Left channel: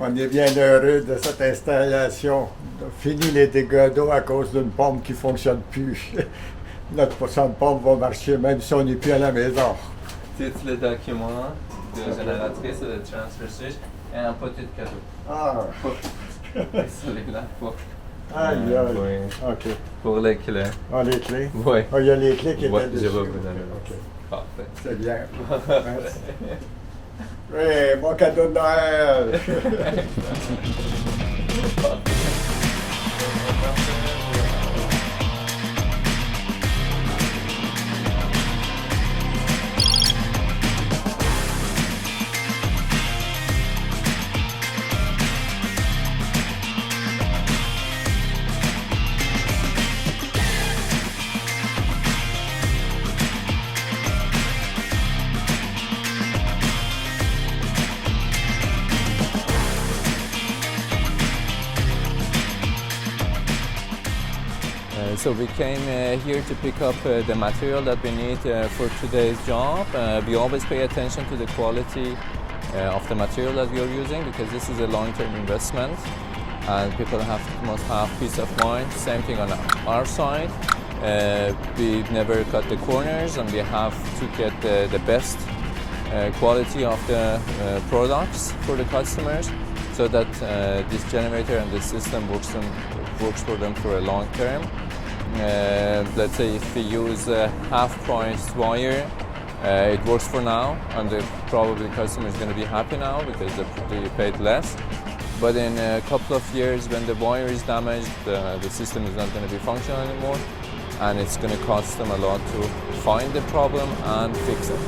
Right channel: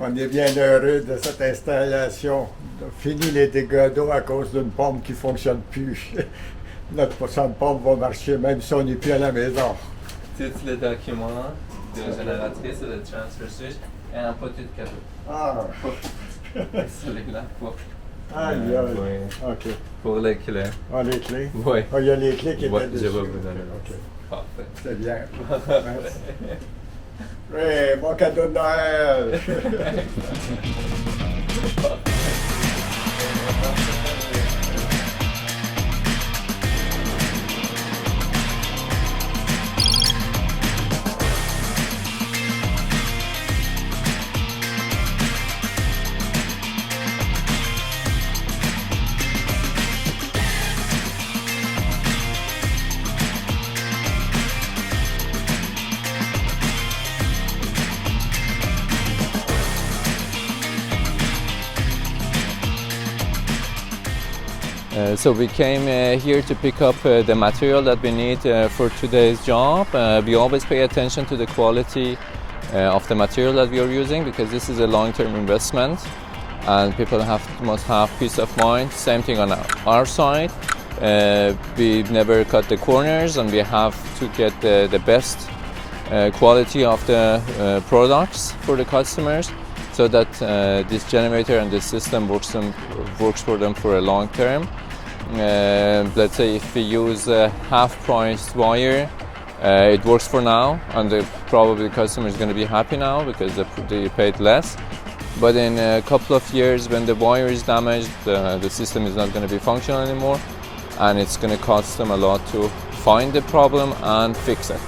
On est bien heureux de cette installation. On a fini les dégâts d'eau à cause d'une pompe qui ne fonctionne plus. Notre pompe va marcher même si on n'est plus à la maison. Tous les documents de génératrice de transfer switch et un petit cadeau. Ah! Celui-là pour... Aïe, aïe. Oui. OK. Pour les clés. Ah, les clés? Oui. Ah, il y a les clés qui étaient dessus. Je vais vous donner. OK. Parfait. C'est bien. Merci. Oui, bon cadeau de Noël! So we came here to pick up the material that we need for today's job. We always pay attention to the quality of the material that we are using because this is a long-term investment and people must have peace of mind. Same thing on our side. We never cut the corners and we have to get the best quality of the products for the customers so that this generator and this system works for them for a long term. Let's say if we use a half-priced wire, it works for now, and probably the customer is going to be happy now because they paid less. But in a couple of years, when the wire is damaged, the system is not going to be functional anymore, and it's going to cost them a lot to find the problem and fix it.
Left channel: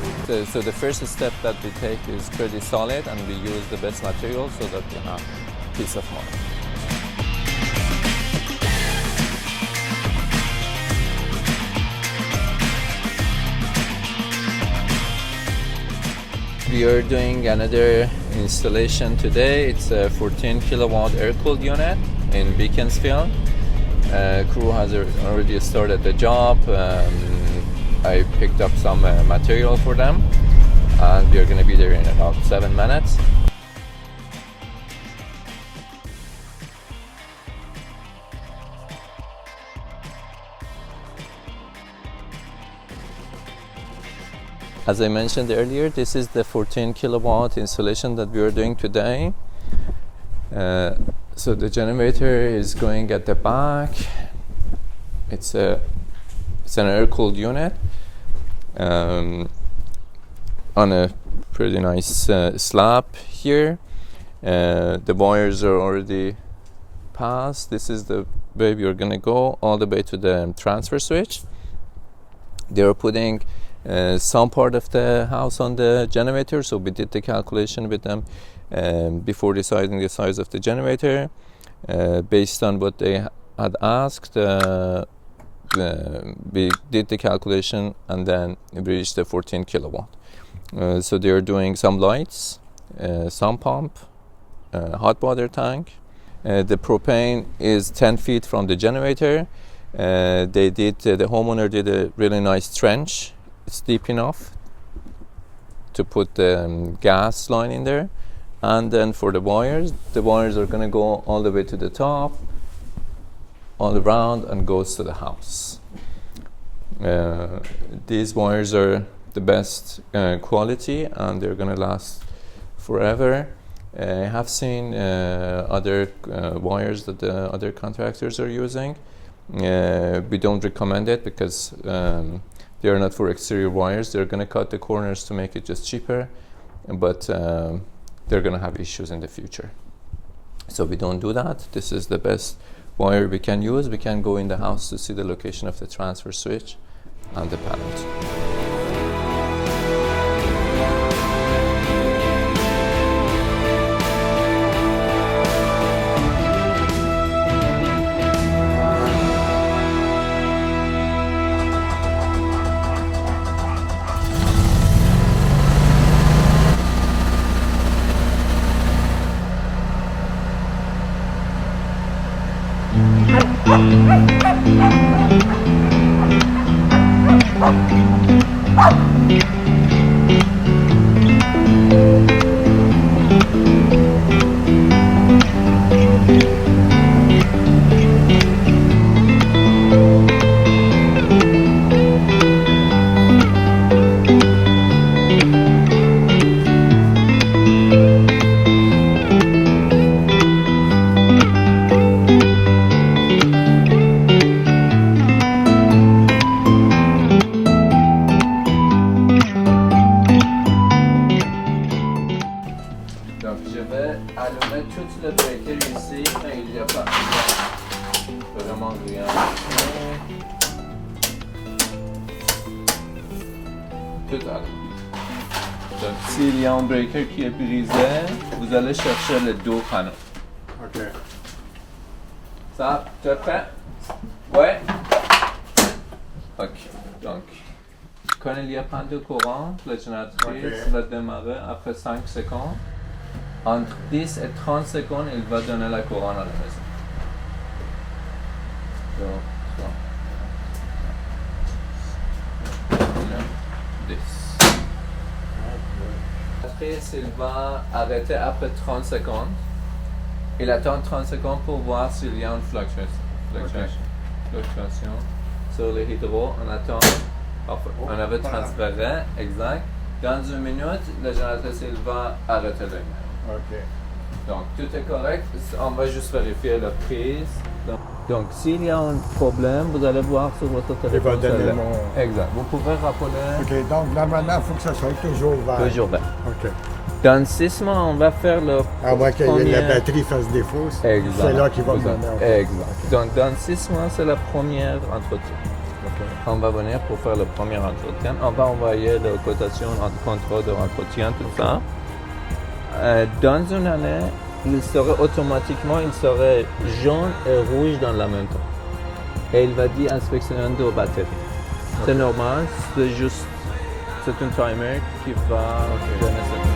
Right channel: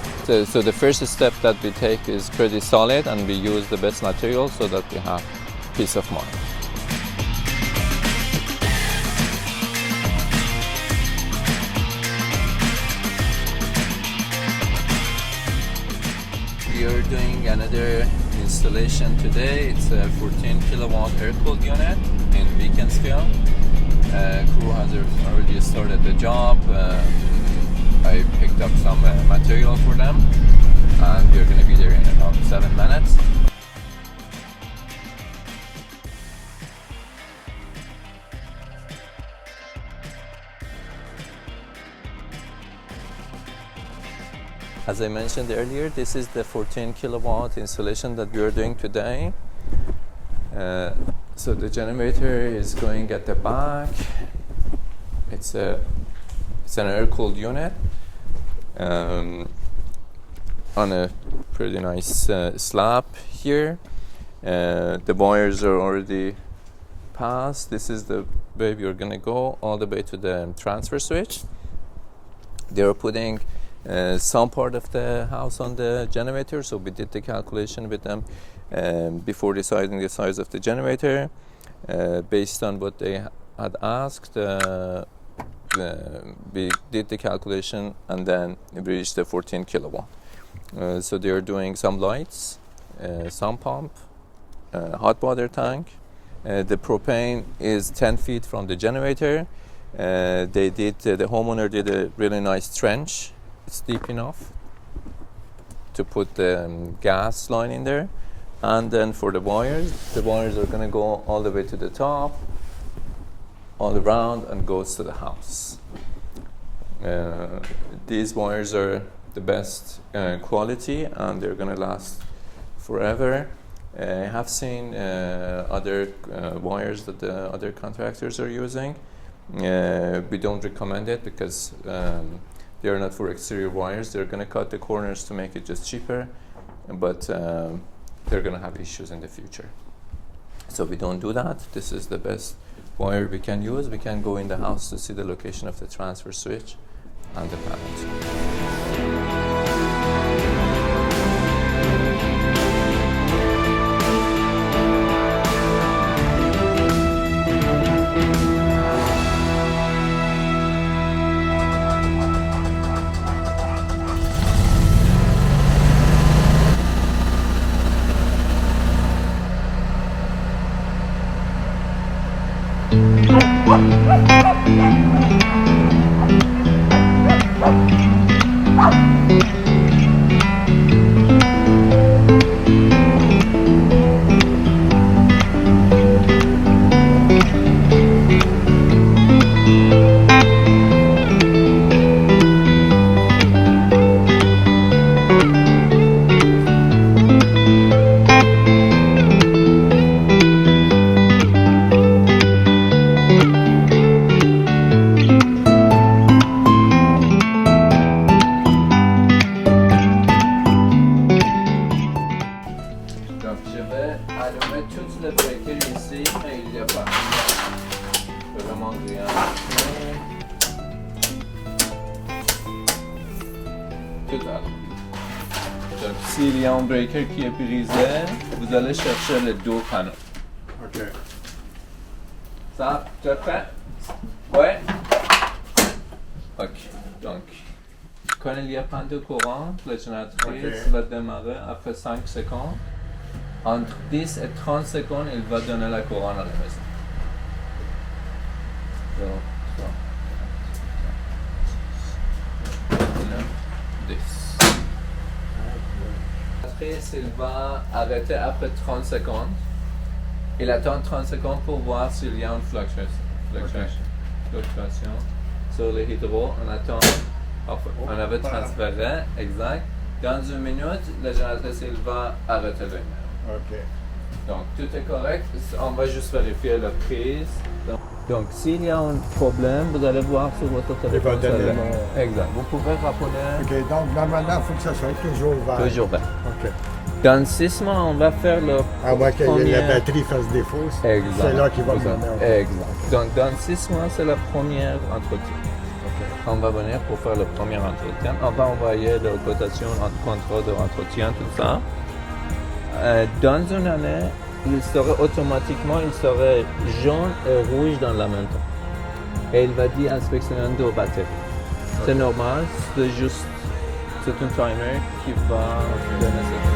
So the first step that we take is pretty solid, and we use the best material so that we have peace of mind. We are doing another installation today. It's a 14 kilowatt air-cooled unit in Beaconsfield. Crew has already started the job. I picked up some material for them and we are going to be there in about 7 minutes. As I mentioned earlier, this is the 14 kilowatt installation that we are doing today. So the generator is going at the back. It's an air-cooled unit on a pretty nice slab here. The wires are already passed. This is the way we are going to go all the way to the transfer switch. They are putting some part of the house on the generator, so we did the calculation with them before deciding the size of the generator. Based on what they had asked, we did the calculation and then we reached the 14 kilowatt. So they are doing some lights, some pump, hot water tank. The propane is 10 feet from the generator. The homeowner did a really nice trench. It's deep enough to put the gas line in there, and then for the wires are going to go all the way to the top, all around, and goes to the house. These wires are the best quality and they're going to last forever. I have seen other wires that the other contractors are using. We don't recommend it because they are not for exterior wires. They're going to cut the corners to make it just cheaper, but they're going to have issues in the future. So we don't do that. This is the best wire we can use. We can go in the house to see the location of the transfer switch and the panels. vais mettre tout le breaker ici, mais il n'y a pas vraiment rien. Tout à l'heure. Donc, s'il y a un breaker qui est brisé, vous allez chercher les deux panneaux. OK. Ça, tu es prêt? Ouais. Ok. Donc, quand il n'y a pas de courant, la génératrice va démarrer après 5 secondes. Entre 10 et 30 secondes, il va donner la courant à la maison. Donc, 10. Il va arrêter après 30 secondes. Il attend 30 secondes pour voir s'il y a une fluctuation sur les hydros. On attend. On avait transféré, exact. Dans une minute, la génératrice il va arrêter le numéro. OK. Donc tout est correct. On va juste vérifier la prise. Donc s'il y a un problème, vous allez voir sur votre téléphone. Il va donner mon... Exact. Vous pouvez rappeler. OK, donc normalement, il faut que ça soit toujours vert. Toujours vert. OK. Dans 6 mois, on va faire le À moins que premier... la batterie fasse défaut, Exact. c'est là qu'il va me donner. Exact. OK. Donc dans 6 mois, c'est la première entretien. OK. On va venir pour faire le premier entretien. On va envoyer la cotation, en contrôle de entretien, tout ça. Dans une année, il serait automatiquement, jaune et rouge dans la même temps. Et il va dire inspection de batterie. Okay. C'est normal, c'est un timer qui va donner cette